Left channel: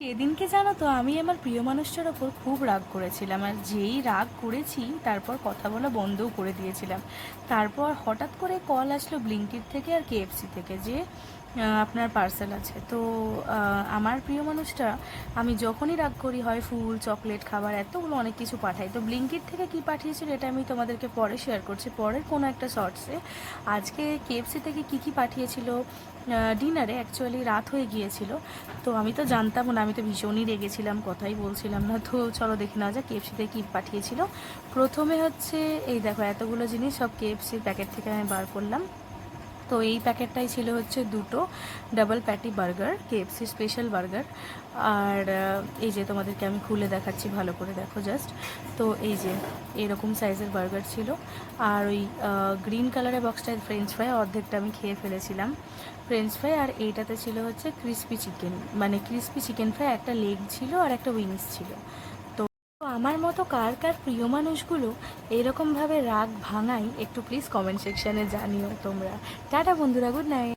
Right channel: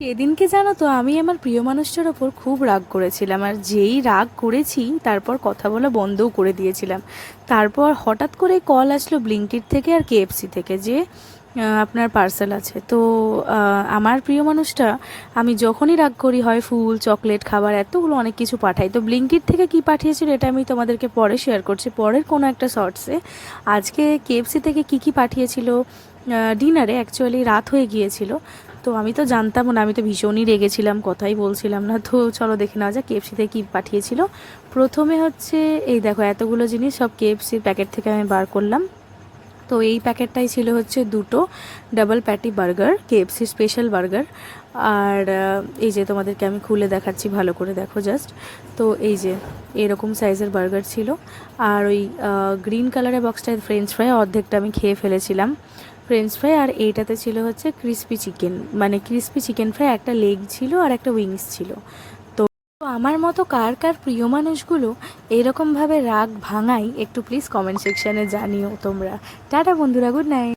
সেদিনকে জানো তো আমি আমার প্রিয় মানুষটার ওপর খুব রাগ করেছিলাম, আর যেই রাগ করেছি তারপর কথা বলা বন্ধও করে দিয়েছিলাম। তারপর হঠাৎ করে কল আসলো ব্লিঙ্কিট থেকে আর কেএফসি থেকে যে আপনার পার্সেল আছে। তো আমার প্রিয় মানুষটা, আমি যখনই রাগ করি হয় ফুল চকলেট খাবার এতগুলো অনেক কিছু পাঠাই। তো ব্লিঙ্কিট থেকে কি পাঠিয়েছিল এটা আমি তোমাদেরকে পরে শেয়ার করছি পরের কোনো একটা শর্টসে। আজকে কেএফসি থেকে কি পাঠিয়েছিল ডিনারে, অ্যাকচুয়ালি রাত হয়ে গিয়েছিল। তো আমি তো জানতাম না, আমি তো ভীষণই রেগেছিলাম, কথাই বলছিলাম না। তো চলো দেখে নেওয়া যাক কেএফসিতে কী পাঠিয়েছিল। প্রথমে হচ্ছে এই দেখো এতগুলো জিনিস সব কেএফসির প্যাকেট থেকে আমি বার করলাম। তো এই প্যাকেটটাই ছিল হচ্ছে দুটো double patty burger, KFC special burger. আর এই যে তোমাদেরকে আমি খুলে দেখাচ্ছি, ভালো করে দেখো জাস্ট। তো এই যে এরকম সাইজের বার্গার ছিল। আর ওই গ্রিন কালারের বক্সটায় ফ্রেঞ্চ ফ্রাই অর্ধেকটা আমি খেয়ে ফেলেছিলাম, ফ্রেঞ্চ ফ্রাই। আর এইটাতে ছিল হচ্ছে ক্রিস্পি চিকেন, মানে ক্রিস্পি চিকেন ফ্রাই, একটা লেগ ছিল আর একটা উইংস ছিল। তো আমার মতো কার কার প্রিয় মানুষগুলো এরকমভাবে রাগ ভাঙাই একটু প্লিজ কমেন্ট সেকশানে জানিও তোমরা। টাটা বন্ধুরা, গুড নাইট।